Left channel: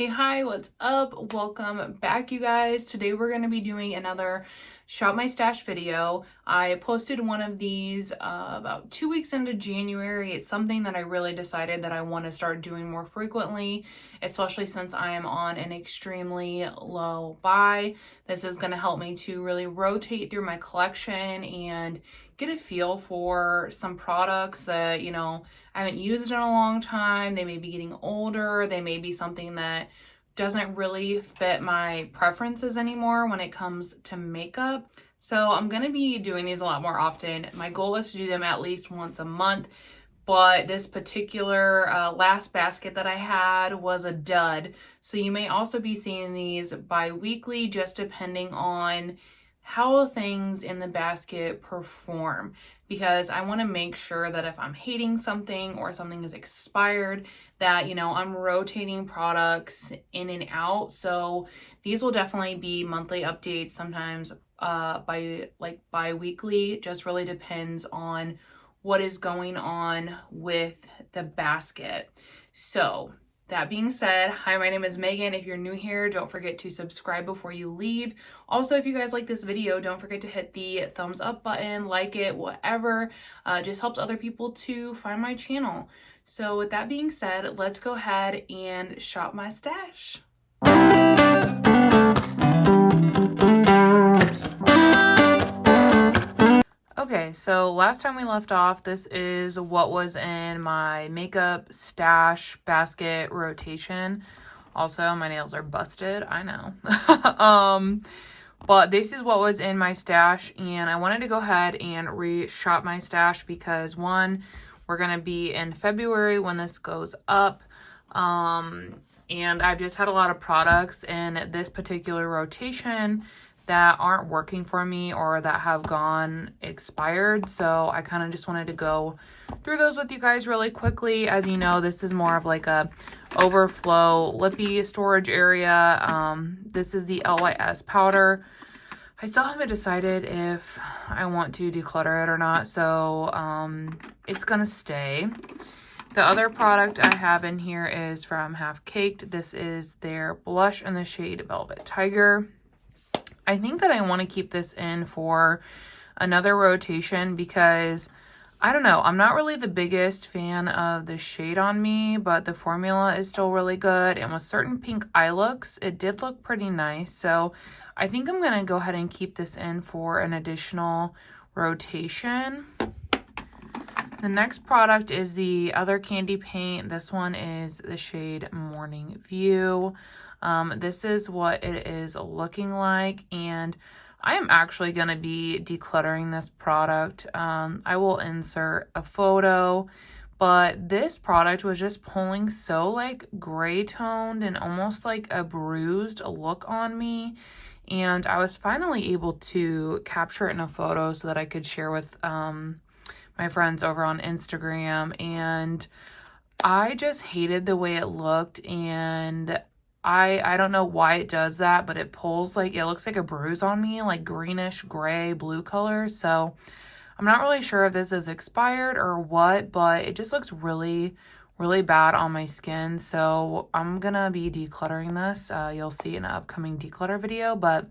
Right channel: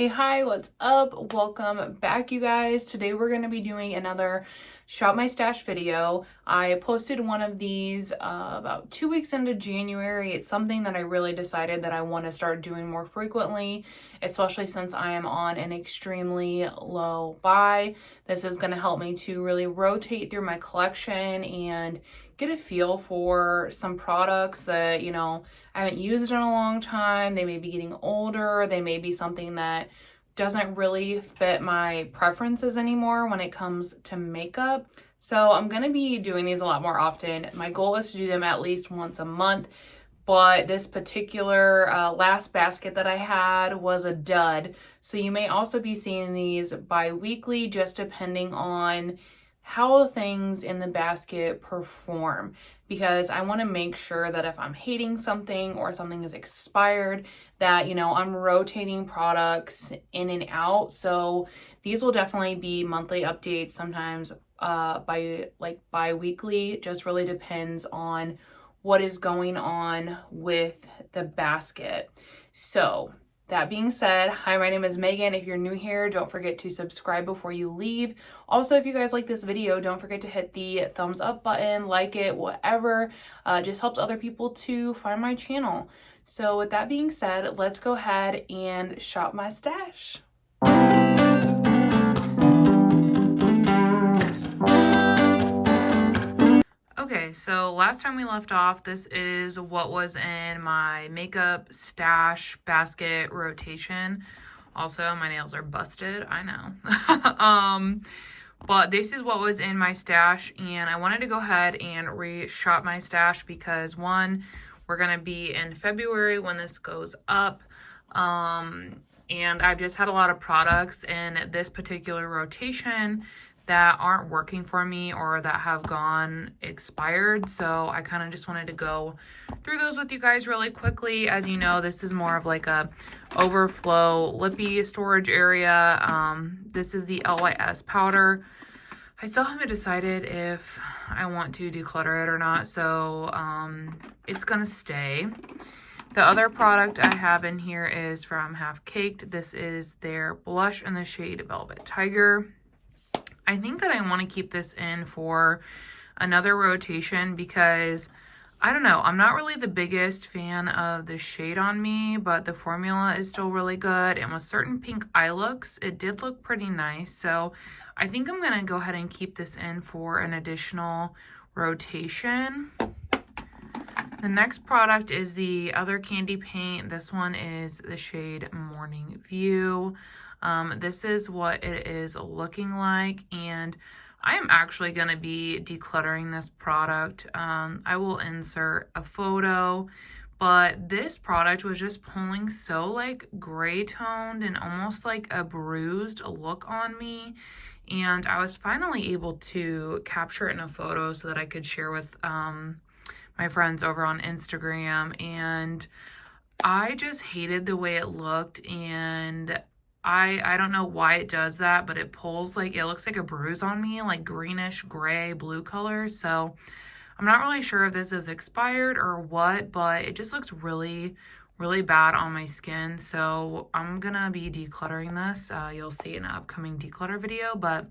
Hey, hi, what's up? Welcome back, you guys. Today we're going to be doing another Shop My Stash video. I posted one of these about 2 weeks into January. It's something that I really decided that I want to start doing more frequently, especially since I am on an extremely low buy. This is going to help me to really rotate through my collection and get a feel for some products that, I haven't used in a long time. They may be getting older. They may be something that doesn't really fit my preferences anymore when it comes to makeup. So I'm going to be doing these a lot more often. My goal is to do them at least once a month, but this particular last basket that I had was a dud. So you may also be seeing these bi-weekly, just depending on how things in the basket perform, because I want to make sure that if I'm hating something or something is expired, that, I'm rotating products in and out. So these will definitely be monthly updates, sometimes bi-weekly, just really depends on what is going on with the basket. So that being said, hi, my name is Megan. If you're new here, don't forget to subscribe before you leave. Also, if you guys like this video, don't forget to hit the thumbs up button, like it, whatever. Just helps other people to find my channel. So with that being said, let's go ahead and shop my stash. Okay, so last time we left off, this is what was in my makeup stash basket rotation. Also, my nails are busted, I know. But this is what was in my stash, and I wanted to go ahead and re-shop my stash because, one, we're going to be in February when this goes up. And I've just had a lot of products in this particular rotation that aren't working for me or that have gone expired. So I kind of just wanted to go through those with you guys really quickly. As you know, this is more of like a overflow lippy storage area. This is the LYS powder. I still haven't decided if I want to declutter it or not, so it's gonna stay. The other product I have in here is from Half Caked. This is their blush in the shade Velvet Tiger. I think that I want to keep this in for another rotation because, I don't know, I'm not really the biggest fan of the shade on me, but the formula is still really good. And with certain pink eye looks, it did look pretty nice. So I think I'm going to go ahead and keep this in for an additional rotation. The next product is the other candy paint. This one is the shade Morning View. This is what it is looking like, and I am actually going to be decluttering this product. I will insert a photo, but this product was just pulling so like gray toned and almost like a bruised look on me, and I was finally able to capture it in a photo so that I could share with my friends over on Instagram, and I just hated the way it looked, and I don't know why it does that, but it pulls like, it looks like a bruise on me, like greenish, gray, blue color. So I'm not really sure if this is expired or what, but it just looks really, really bad on my skin. So I'm gonna be decluttering this. You'll see in an upcoming declutter video, but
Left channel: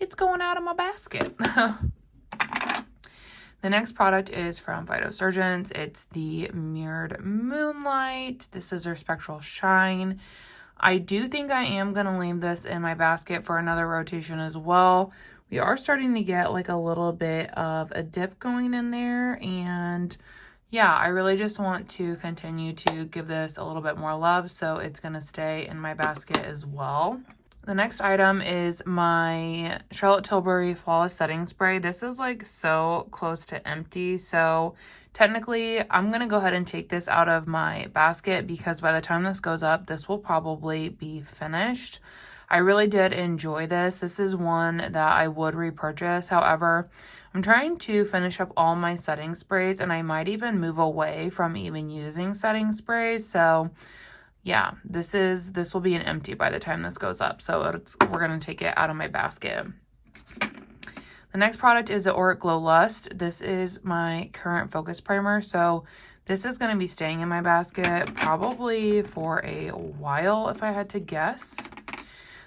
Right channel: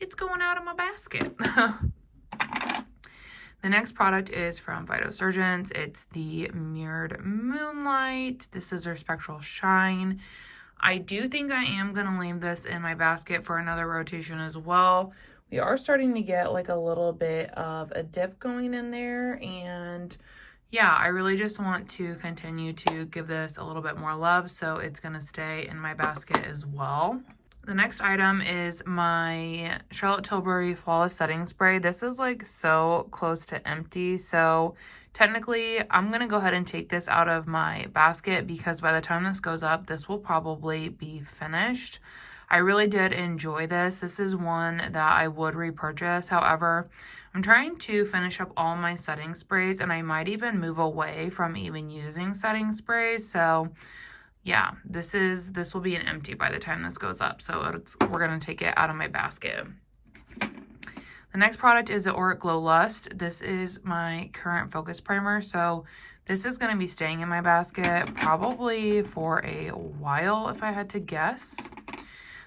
it's going out of my basket. The next product is from Phytosurgeons. It's the Mirrored Moonlight. This is their Spectral Shine. I do think I am going to leave this in my basket for another rotation as well. We are starting to get like a little bit of a dip going in there. And yeah, I really just want to continue to give this a little bit more love. So it's going to stay in my basket as well. The next item is my Charlotte Tilbury Flawless Setting Spray. This is like so close to empty. So technically, I'm going to go ahead and take this out of my basket because by the time this goes up, this will probably be finished. I really did enjoy this. This is one that I would repurchase. However, I'm trying to finish up all my setting sprays, and I might even move away from even using setting sprays. So yeah, this will be an empty by the time this goes up. So we're going to take it out of my basket. The next product is the Auric Glow Lust. This is my current focus primer. So This is going to be staying in my basket probably for a while if I had to guess.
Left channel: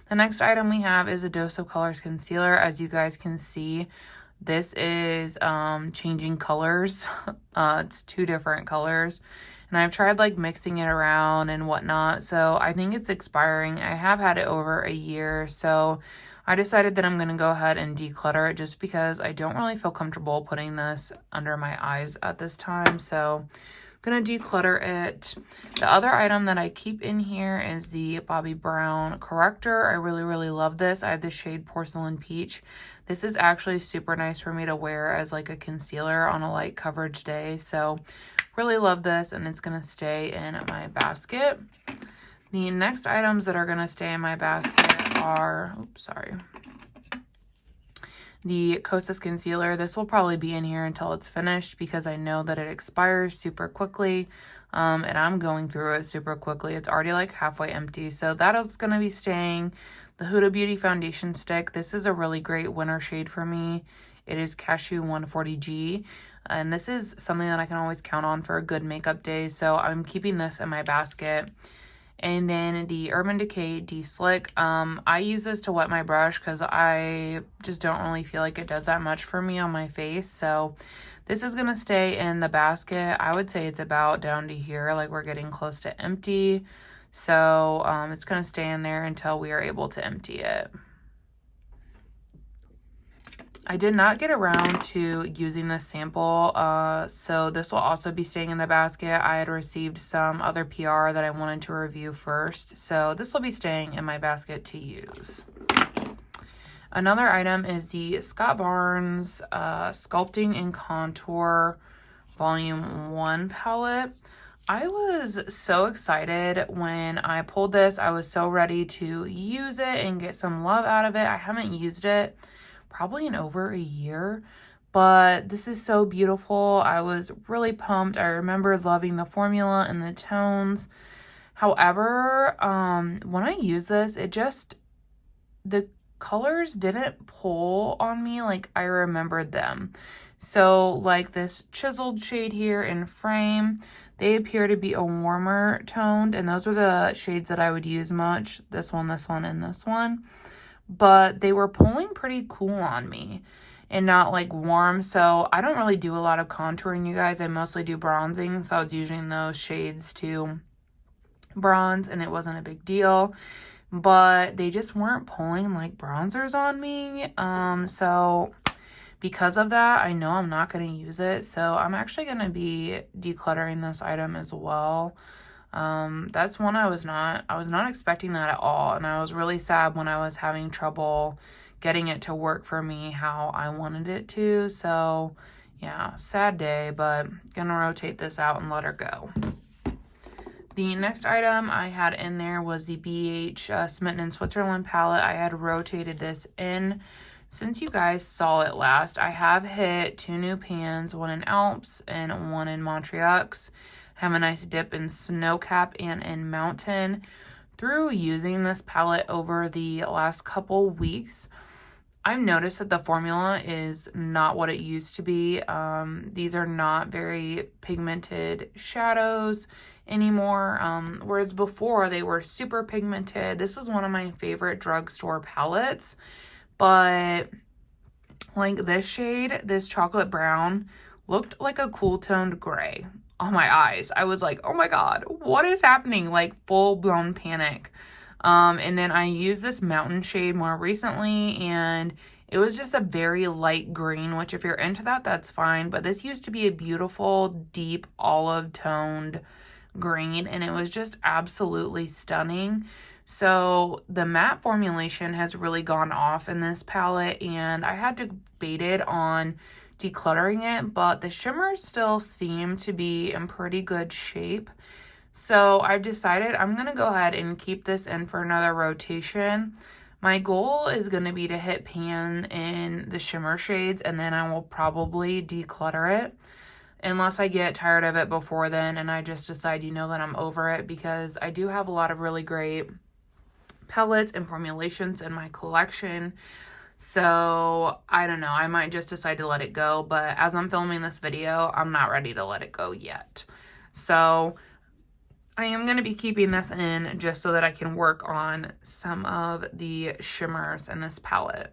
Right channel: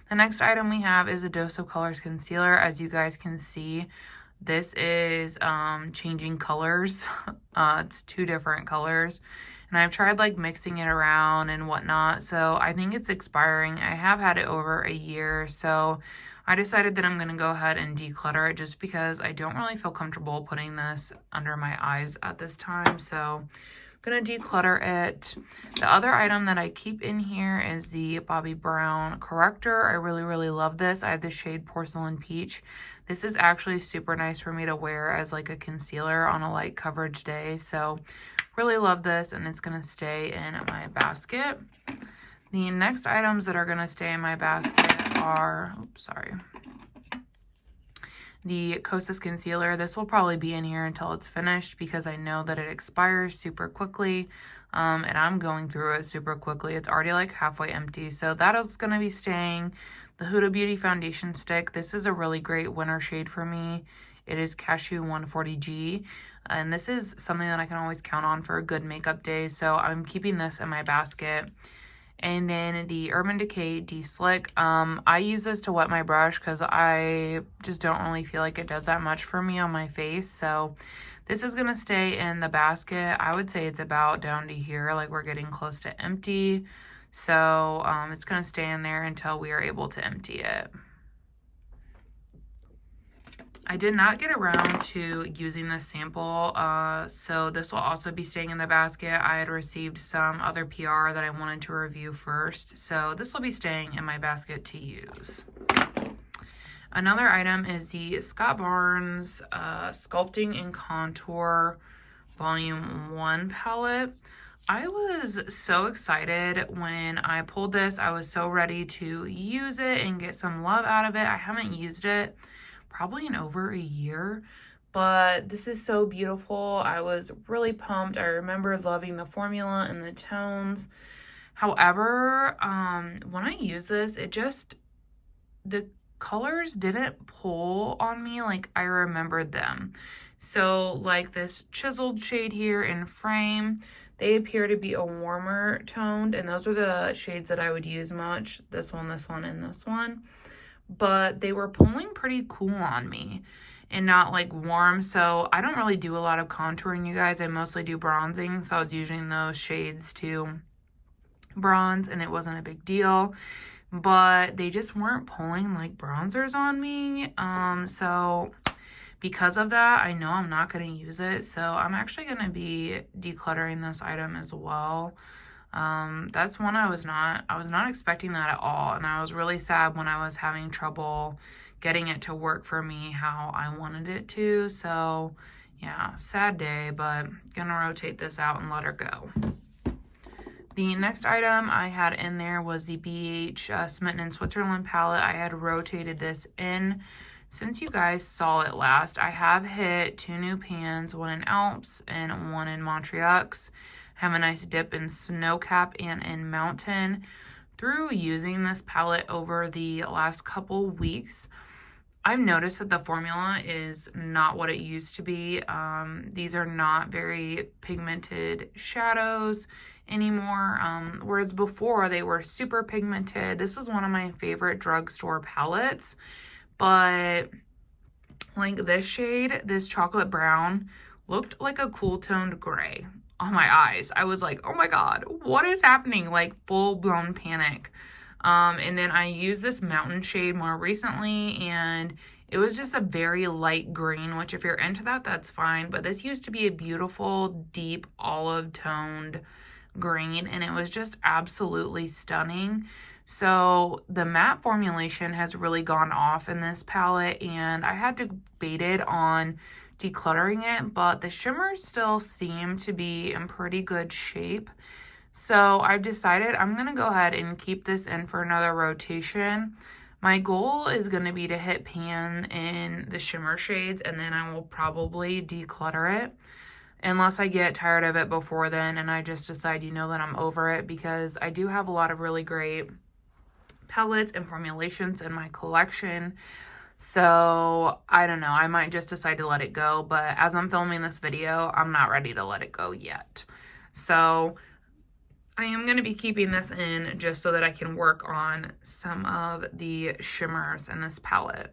The next item we have is a Dose of Colors concealer. As you guys can see, this is changing colors. It's 2 different colors. And I've tried like mixing it around and whatnot. So I think it's expiring. I have had it over a year. So I decided that I'm going to go ahead and declutter it just because I don't really feel comfortable putting this under my eyes at this time. So I'm going to declutter it. The other item that I keep in here is the Bobbi Brown corrector. I really love this. I have the shade Porcelain Peach. This is actually super nice for me to wear as like a concealer on a light coverage day. So really love this, and it's going to stay in my basket. The next items that are going to stay in my basket are, the Kosas concealer. This will probably be in here until it's finished because I know that it expires super quickly, and I'm going through it super quickly. It's already like halfway empty, so that is going to be staying. The Huda Beauty foundation stick. This is a really great winter shade for me. It is Cashew 140G, and this is something that I can always count on for a good makeup day, so I'm keeping this in my basket. And then the Urban Decay De-Slick. I use this to wet my brush because I just don't really feel like it does that much for me on my face. So this is going to stay in the basket. I would say it's about down to here, like we're getting close to empty. So it's going to stay in there until we are able to empty it. I did not get around to using this sample, so this will also be staying in the basket. I had received some other PR that I wanted to review first, so this will be staying in my basket to use. Another item is the Scott Barnes Sculpting and Contour Volume 1 palette. I was so excited when I pulled this. I was so ready to use it and get some love out of it. I haven't used it probably in over a year, but this is so beautiful. I was really pumped. I remember loving the formula and the tones. However, when I use this, the colors didn't pull on me like I remembered them. So like this chiseled shade here in Frame, they appear to be a warmer toned, and those are the shades that I would use much. This one, and this one. But they were pulling pretty cool on me and not like warm. So I don't really do a lot of contouring, you guys. I mostly do bronzing, so I was using those shades to bronze and it wasn't a big deal, but they just weren't pulling like bronzers on me. So because of that, I know I'm not going to use it, so I'm actually going to be decluttering this item as well. That's one I was not expecting that at all, and I was really sad when I was having trouble getting it to work for me how I wanted it to. So yeah, sad day, but gonna rotate this out and let her go. The next item I had in there was the BH Smitten in Switzerland palette. I had rotated this in since you guys saw it last. I have hit 2 new pans, one in Alps and one in Montreux. Have a nice dip in Snowcap and in Mountain. Through using this palette over the last couple weeks, I've noticed that the formula is not what it used to be. These are not very pigmented shadows anymore, whereas before they were super pigmented. This was one of my favorite drugstore palettes, but like this shade, this chocolate brown, looked like a cool toned gray on my eyes. I was like, oh my god, what is happening? Like full-blown panic. And then I used this Mountain shade more recently, and it was just a very light green, which if you're into that, that's fine. But this used to be a beautiful, deep, olive-toned green, and it was just absolutely stunning. So the matte formulation has really gone off in this palette, and I had debated on decluttering it, but the shimmers still seem to be in pretty good shape. So I've decided I'm going to go ahead and keep this in for another rotation. My goal is going to be to hit pan in the shimmer shades, and then I will probably declutter it unless I get tired of it before then and I just decide, you know, that I'm over it, because I do have a lot of really great palettes and formulations in my collection. So I don't know, I might just decide to let it go, but as I'm filming this video, I'm not ready to let it go yet. So I am going to be keeping this in just so that I can work on some of the shimmers in this palette.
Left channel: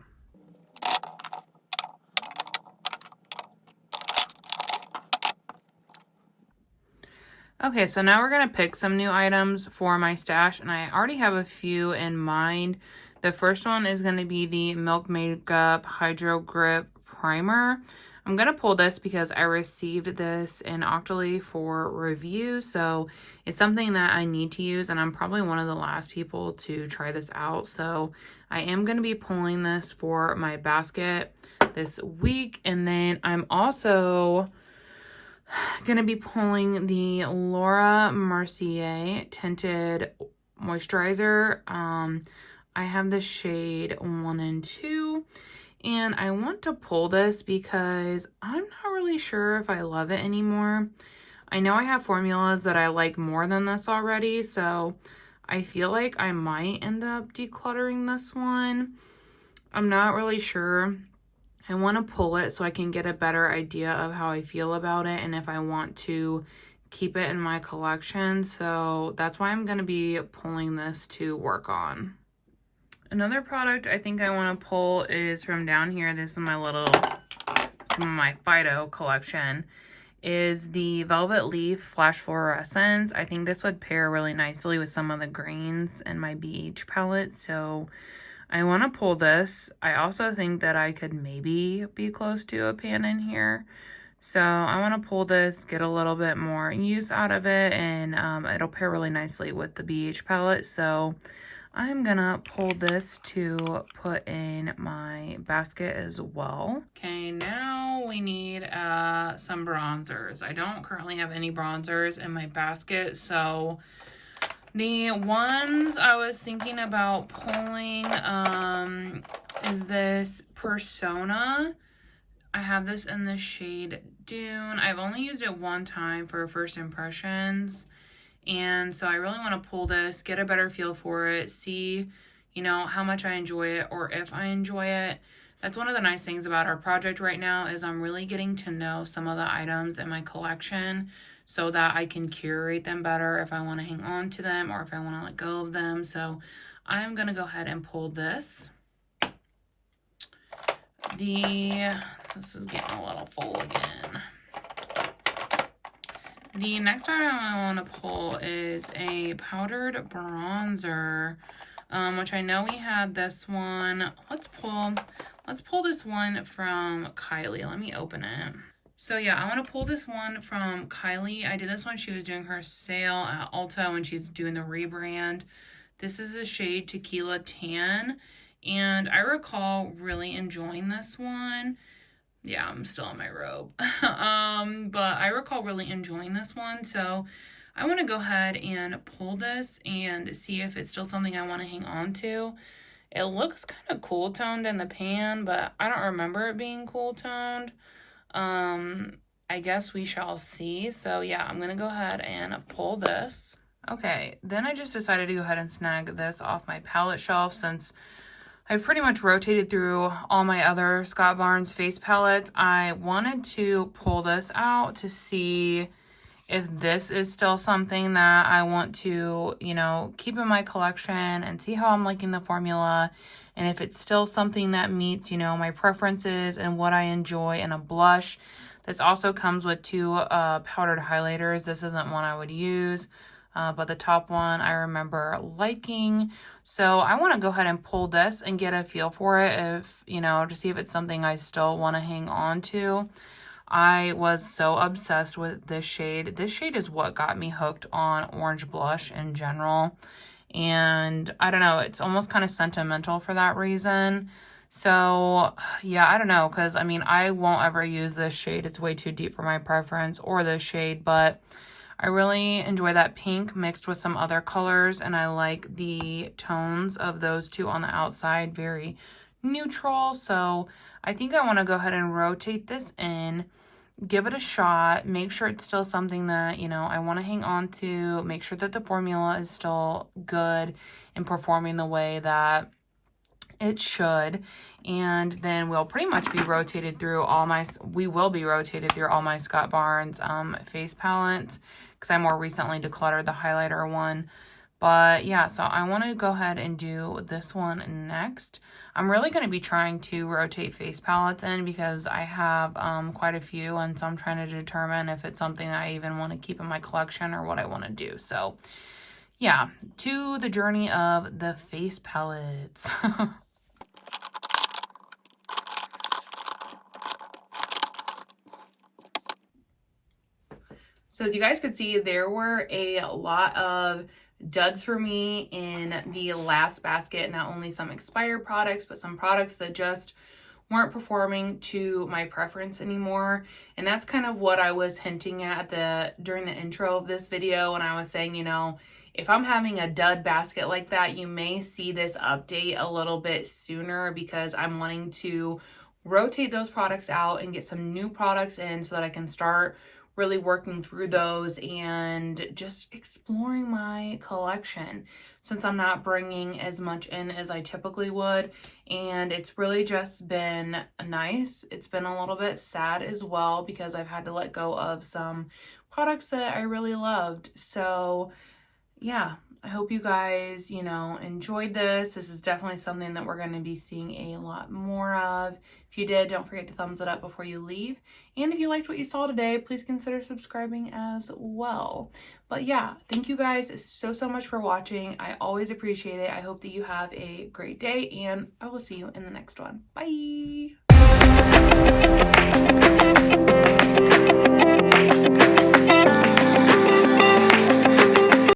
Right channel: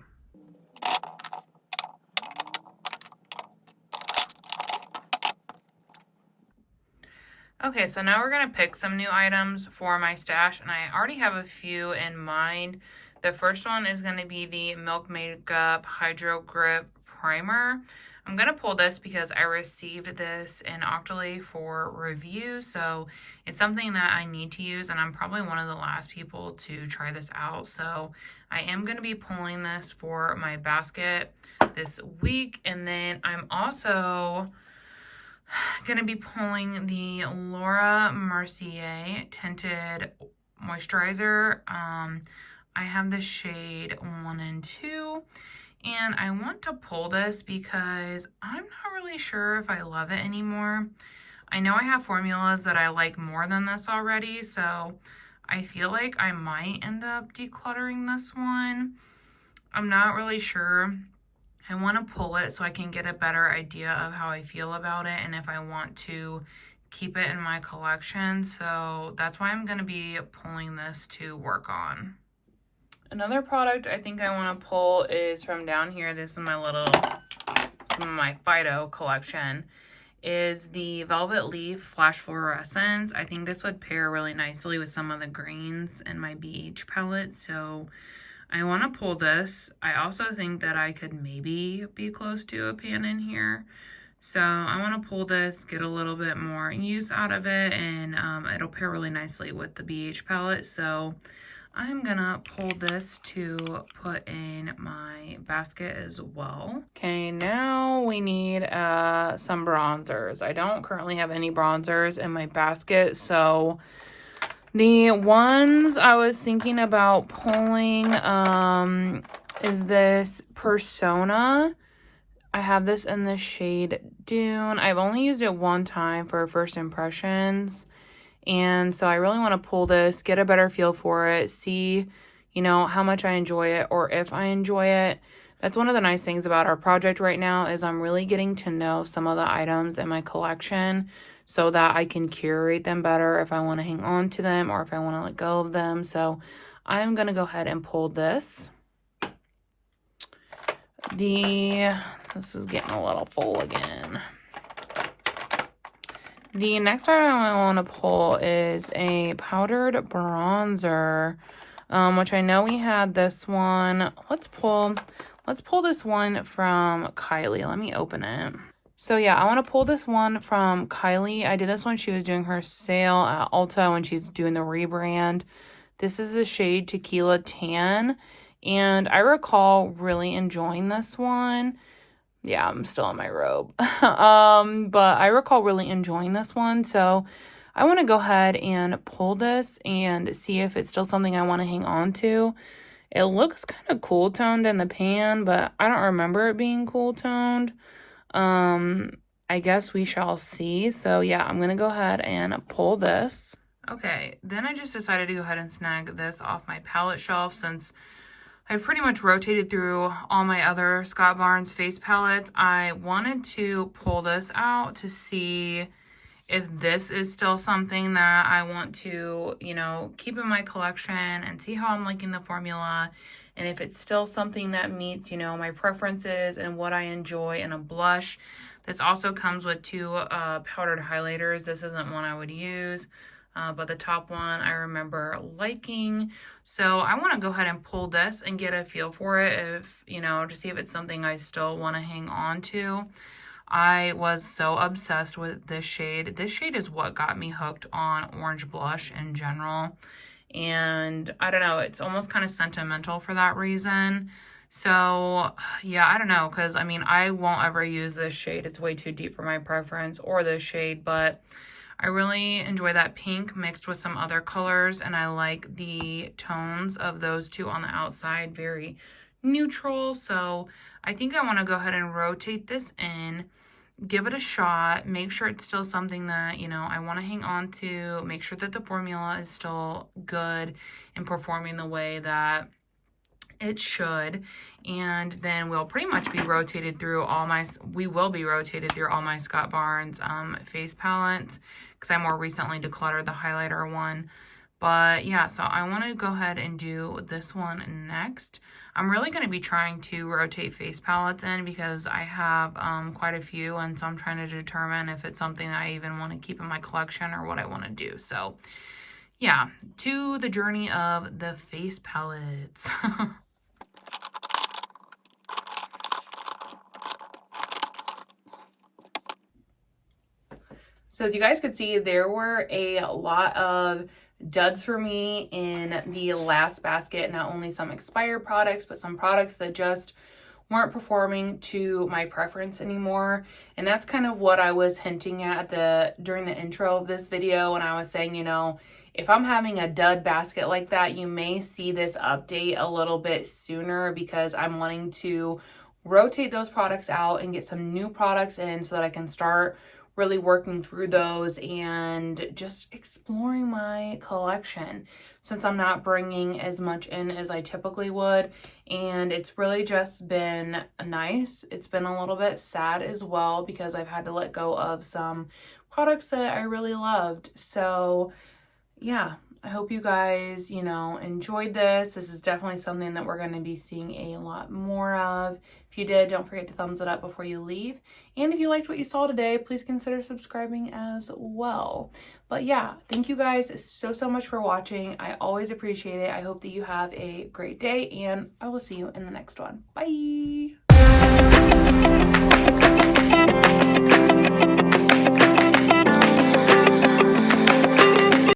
Okay, so now we're going to pick some new items for my stash, and I already have a few in mind. The first one is going to be the Milk Makeup Hydro Grip Primer. I'm going to pull this because I received this in Octoly for review, so it's something that I need to use, and I'm probably one of the last people to try this out. So I am going to be pulling this for my basket this week, and then I'm also going to be pulling the Laura Mercier Tinted Moisturizer. I have the shade 1 and 2, and I want to pull this because I'm not really sure if I love it anymore. I know I have formulas that I like more than this already, so I feel like I might end up decluttering this one. I'm not really sure. I want to pull it so I can get a better idea of how I feel about it and if I want to keep it in my collection. So that's why I'm going to be pulling this to work on. Another product I think I want to pull is from down here. This is my some of my Fido collection. Is the Velvet Leaf Flash Fluorescence. I think this would pair really nicely with some of the greens in my BH palette. So I want to pull this. I also think that I could maybe be close to a pan in here. So I want to pull this, get a little bit more use out of it, and it'll pair really nicely with the BH palette. So I'm gonna pull this to put in my basket as well. Okay, now we need some bronzers. I don't currently have any bronzers in my basket, so the ones I was thinking about pulling is this Persona. I have this in the shade Dune. I've only used it one time for first impressions, and so I really want to pull this, get a better feel for it, see, you know, how much I enjoy it or if I enjoy it. That's one of the nice things about our project right now is I'm really getting to know some of the items in my collection so that I can curate them better if I want to hang on to them or if I want to let go of them. So I'm going to go ahead and pull this. This is getting a little full again. The next item I want to pull is a powdered bronzer, which I know we had this one. Let's pull this one from Kylie. Let me open it. So yeah, I want to pull this one from Kylie. I did this when she was doing her sale at Ulta when she's doing the rebrand. This is the shade Tequila Tan, and I recall really enjoying this one. Yeah, I'm still in my robe. But I recall really enjoying this one, so I want to go ahead and pull this and see if it's still something I want to hang on to. It looks kind of cool toned in the pan, but I don't remember it being cool toned. I guess we shall see. So yeah, I'm gonna go ahead and pull this. Okay, then I just decided to go ahead and snag this off my palette shelf since I've pretty much rotated through all my other Scott Barnes face palettes. I wanted to pull this out to see if this is still something that I want to, you know, keep in my collection and see how I'm liking the formula. And if it's still something that meets, you know, my preferences and what I enjoy in a blush. This also comes with two powdered highlighters. This isn't one I would use, but the top one I remember liking. So I want to go ahead and pull this and get a feel for it, if, you know, to see if it's something I still want to hang on to. I was so obsessed with this shade. This shade is what got me hooked on orange blush in general. And I don't know, it's almost kind of sentimental for that reason. So yeah, I don't know, because I mean, I won't ever use this shade. It's way too deep for my preference, or this shade, but I really enjoy that pink mixed with some other colors, and I like the tones of those two on the outside, very neutral. So I think I want to go ahead and rotate this in, give it a shot, make sure it's still something that, you know, I want to hang on to, make sure that the formula is still good and performing the way that it should. And then we'll pretty much be rotated through all my, Scott Barnes face palettes, because I more recently decluttered the highlighter one. But yeah, so I want to go ahead and do this one next. I'm really going to be trying to rotate face palettes in because I have quite a few, and so I'm trying to determine if it's something I even want to keep in my collection or what I want to do. So yeah, to the journey of the face palettes. So as you guys could see, there were a lot of duds for me in the last basket. Not only some expired products, but some products that just weren't performing to my preference anymore. And that's kind of what I was hinting at during the intro of this video when I was saying, you know, if I'm having a dud basket like that, you may see this update a little bit sooner because I'm wanting to rotate those products out and get some new products in so that I can start really working through those and just exploring my collection since I'm not bringing as much in as I typically would. And it's really just been nice. It's been a little bit sad as well because I've had to let go of some products that I really loved. So yeah, I hope you guys, you know, enjoyed this. This is definitely something that we're going to be seeing a lot more of. If you did, don't forget to thumbs it up before you leave. And if you liked what you saw today, please consider subscribing as well. But yeah, thank you guys so much for watching. I always appreciate it. I hope that you have a great day, and I will see you in the next one. Bye!